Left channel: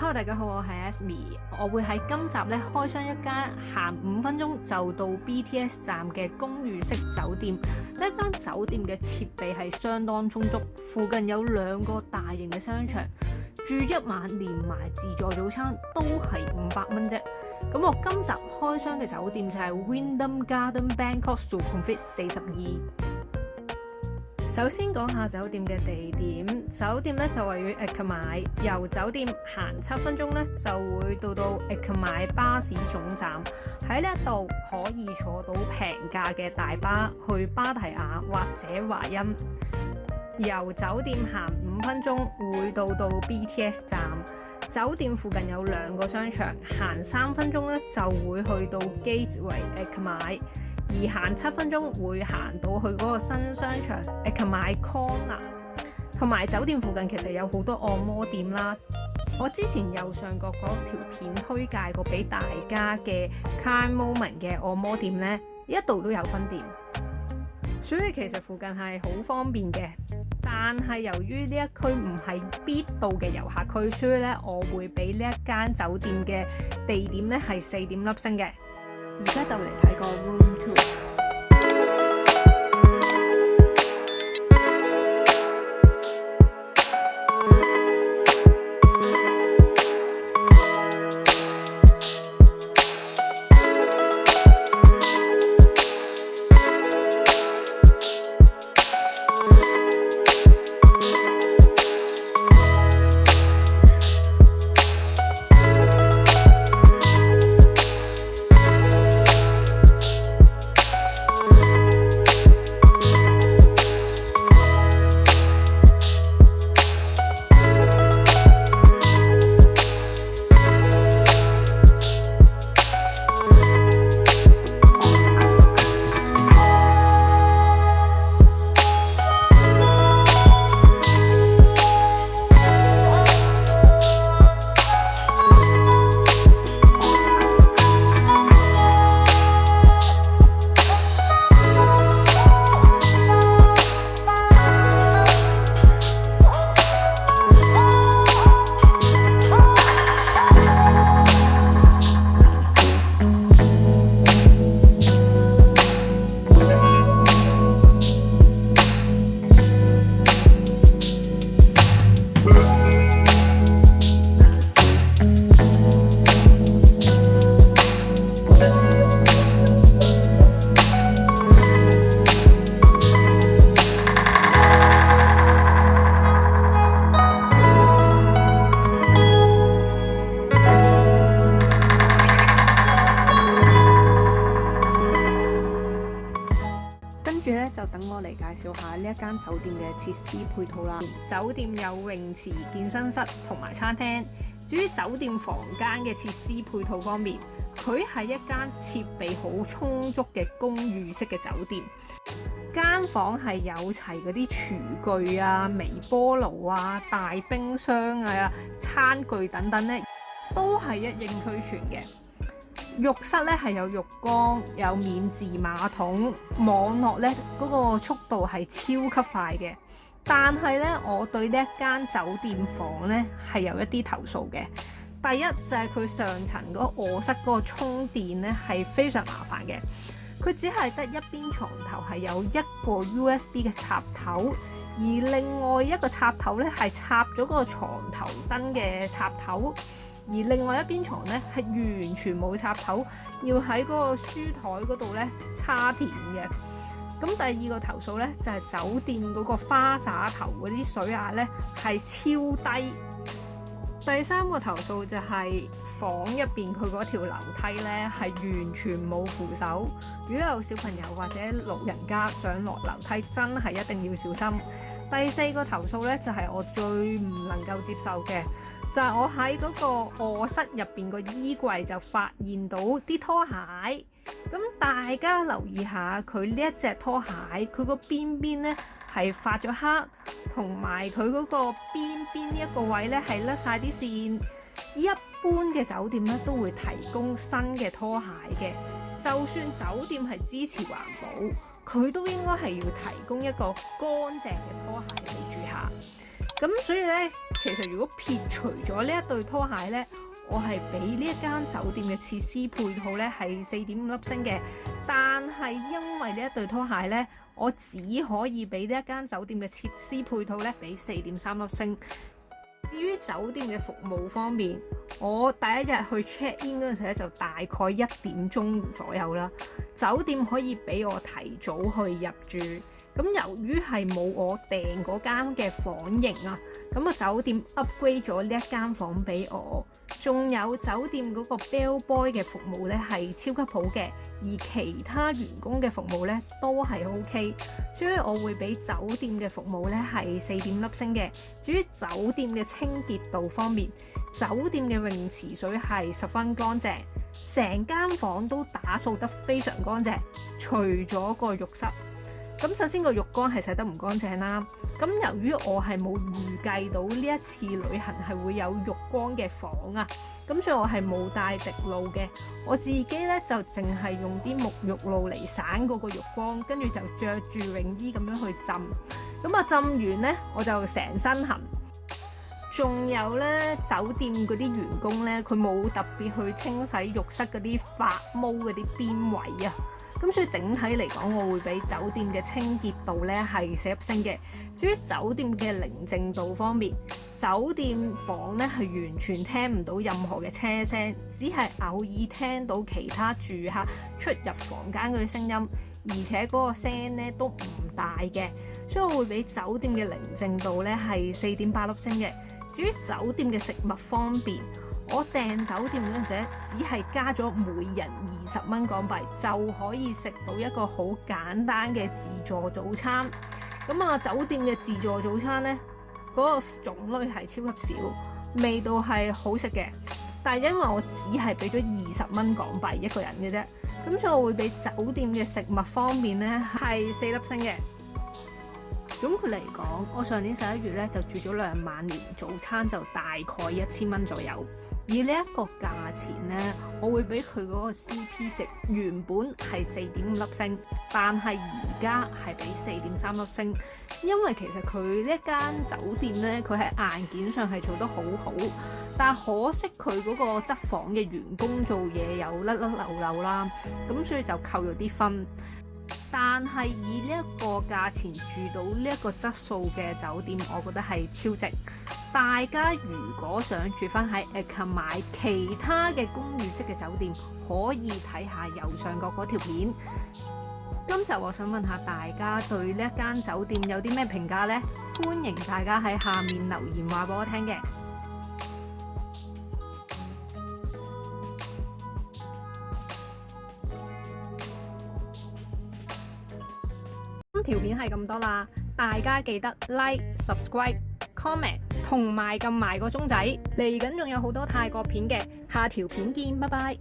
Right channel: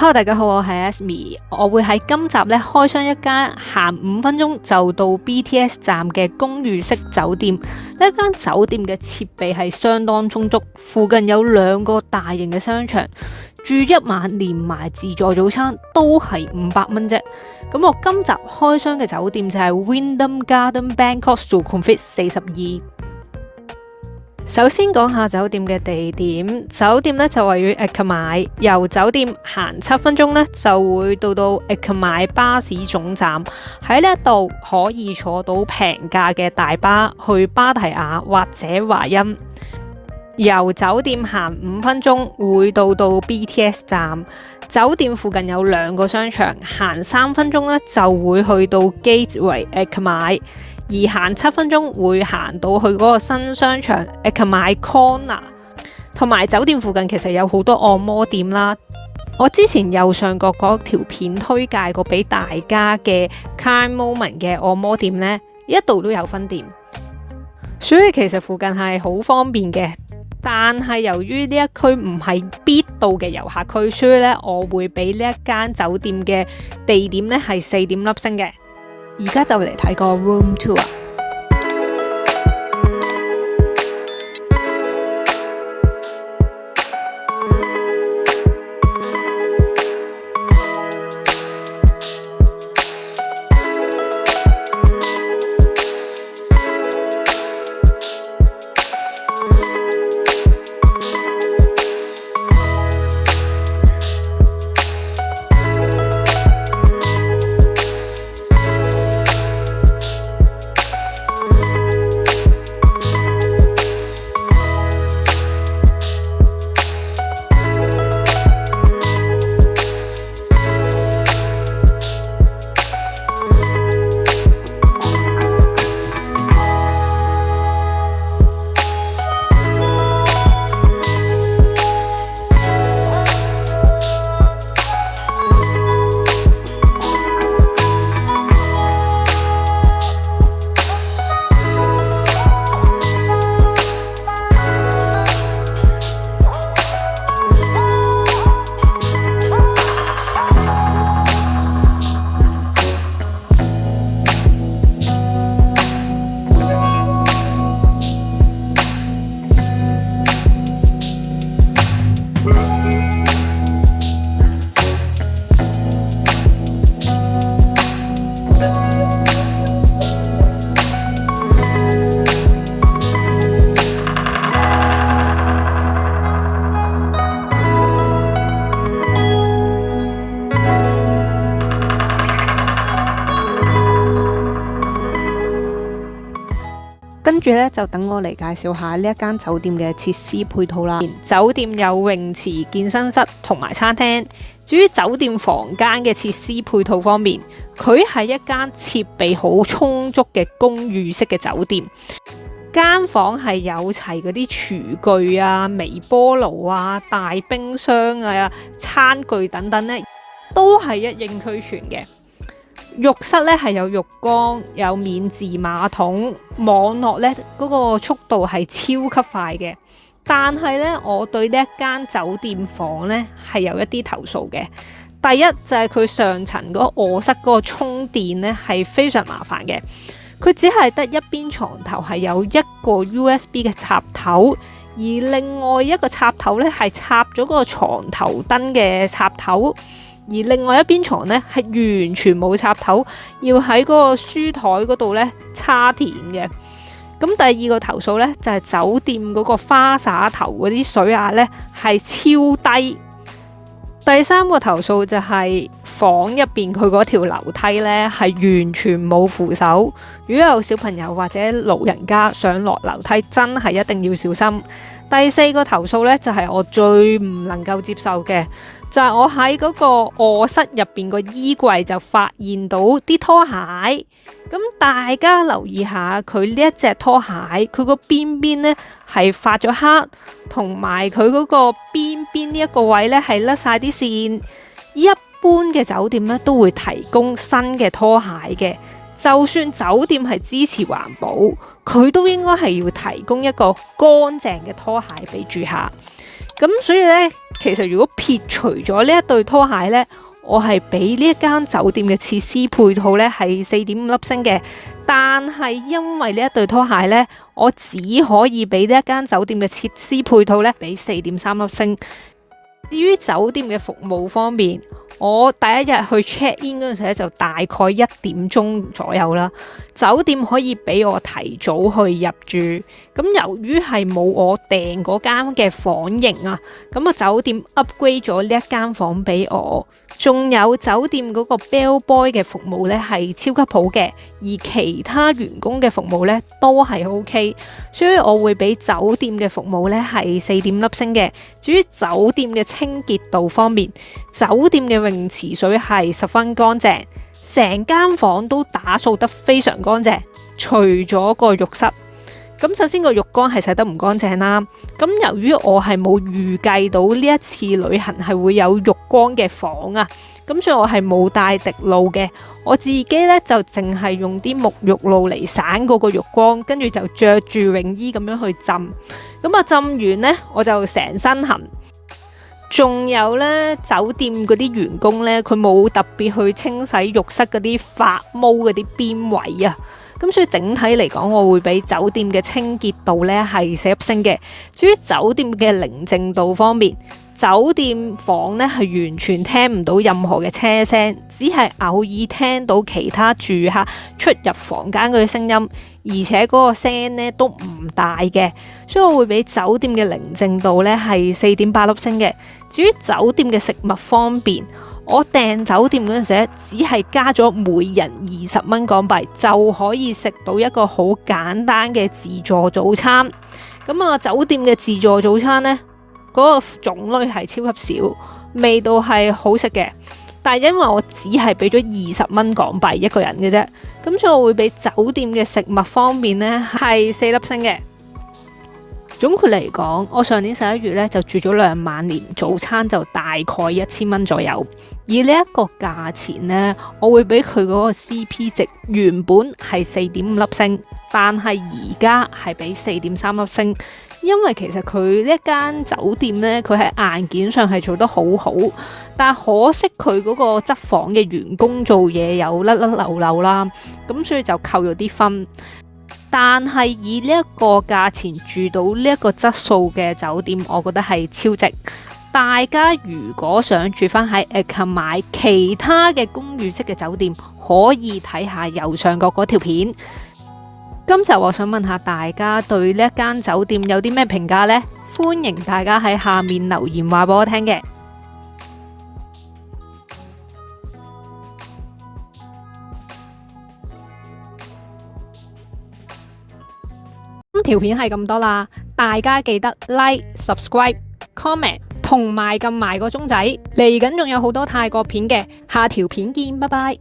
Hello， 大家好，我係 Asmi， 我會喺今集咧開箱一間行5分鐘就到 BTS 站嘅公寓式酒店。呢間酒店嘅設備係相當充足，附近有2個大型嘅商場，住一晚連埋自助早餐都係500蚊啫。咁我今集開箱嘅酒店就係 Wyndham Garden Bangkok Sukhumvit 42。首先講下酒店嘅地點，酒店咧就位於 Eka My， 由酒店行7分鐘咧就會到 Eka My 巴士總站。喺呢一度可以坐到平價嘅大巴去芭提雅或者華欣。由酒店行5分鐘會到 BTS 站。酒店附近有2個商場，行3分鐘咧就會去到 Gateway Eka My。而行7分鐘會行到去嗰個新商場 Eka My Corner， 同埋酒店附近其實有好多按摩店啦。我之前右上角嗰條片推介過俾大家嘅 Kind Moment 嘅按摩店呢，一度都有分店，所以其實附近係好方便嘅。但係由於呢一區唔係必到嘅遊客區，所以呢我會俾呢一間酒店嘅地點呢係4點粒星嘅。而家就嚟睇個 room tour。跟住咧就等我嚟介紹下呢一間酒店嘅設施配套啦。酒店有泳池、健身室同埋餐廳。至於酒店房間嘅設施配套方面，佢係一間設備好充足嘅公寓式嘅酒店。間房係有齊嗰啲廚具啊、微波爐啊、大冰箱啊、餐具等等咧，都係一應俱全嘅。浴室咧係有浴缸，有免治馬桶，網絡咧嗰個速度係超級快嘅。但係咧，我對呢一間酒店房咧係有一啲投訴嘅。第一就係佢上層嗰個臥室嗰個充電咧係非常麻煩嘅。佢只係得一邊床頭係有一個 USB 嘅插頭，而另外一個插頭咧係插咗個床頭燈嘅插頭。而另外一邊床咧係完全冇插頭，要喺嗰個書台嗰度咧插電嘅。咁第二個投訴咧就係酒店嗰個花灑頭嗰啲水壓咧係超低。第3個投訴就係房入邊佢嗰條樓梯咧係完全冇扶手，如果有小朋友或者老人家上落樓梯，真係一定要小心。第4個投訴咧就係我最唔能夠接受嘅。就係我喺嗰個臥室入邊個衣櫃就發現到啲拖鞋，咁大家留意下佢呢一隻拖鞋，佢個邊邊呢係發咗黑，同埋佢嗰個邊邊呢一個位呢係甩晒啲線。一般嘅酒店呢都會提供新嘅拖鞋嘅，就算酒店係支持環保，佢都應該係要提供一個乾淨嘅拖鞋俾住客。咁所以呢，其實如果撇除咗呢一對拖鞋呢，我係俾呢一間酒店嘅設施配套呢係4.5粒星嘅。但係因為呢一對拖鞋呢，我只可以俾呢一間酒店嘅設施配套呢俾4.3粒星。至於酒店嘅服務方面，我第一日去 check in 嗰陣時咧，就大概1點鐘左右啦。酒店可以俾我提早去入住，咁由於係冇我訂嗰間嘅房型啊，咁啊酒店 upgrade 咗呢一間房俾我。仲有酒店嗰個 bell boy 嘅服務咧係超級好嘅，而其他員工嘅服務咧都係 OK， 所以我會俾酒店嘅服務咧係4.5粒星嘅。至於酒店嘅清潔度方面，酒店嘅泳池水係十分乾淨，成間房都打掃得非常乾淨，除咗個浴室。咁首先個浴缸係洗得唔乾淨啦，咁由於我係冇預計到呢一次旅行係會有浴缸嘅房啊，咁所以我係冇帶滴露嘅，我自己咧就淨係用啲沐浴露嚟散嗰個浴缸，跟住就着住泳衣咁樣去浸，咁啊浸完呢，我就成身痕。仲有咧，酒店嗰啲員工咧，佢冇特別去清洗浴室嗰啲發毛嗰啲邊位啊。咁所以整體嚟講，我會俾酒店嘅清潔度咧係4粒星嘅。至於酒店嘅寧靜度方面，酒店房咧係完全聽唔到任何嘅車聲，只係偶爾聽到其他住客出入房間嗰啲聲音，而且嗰個聲咧都唔大嘅，所以我會俾酒店嘅寧靜度咧係4.8粒星嘅。至於酒店嘅食物方面，我訂酒店嗰陣時只係加咗每人20蚊港幣就可以食到一個好簡單嘅自助早餐。咁啊，酒店嘅自助早餐呢，嗰個種類係超級少，味道係好食嘅。但係因為我只係俾咗20蚊港幣一個人嘅啫，咁所以我會俾酒店嘅食物方面呢係4粒星嘅。總括嚟講，我上年11月咧就住咗2晚連，早餐就大概1000蚊左右。而呢一個價錢呢，我會俾佢嗰個 CP 值原本係4.5粒星，但係而家係俾4.3粒星，因為其實佢呢一間酒店呢，佢喺硬件上係做得好好，但可惜佢嗰個執房嘅員工做嘢有甩甩漏漏啦，咁所以就扣咗啲分。但係以呢一個價錢住到呢一個質素嘅酒店，我覺得係超值。大家如果想住返喺ACA買其他嘅公寓式嘅酒店，可以睇下右上角嗰條片。今集我想問下大家對呢一間酒店有啲咩評價呢？歡迎大家喺下面留言話俾我聽嘅。條片係咁多啦，大家記得 like、subscribe、comment 同埋撳埋個鐘仔，嚟緊仲有好多泰國片嘅，下條片見，拜拜。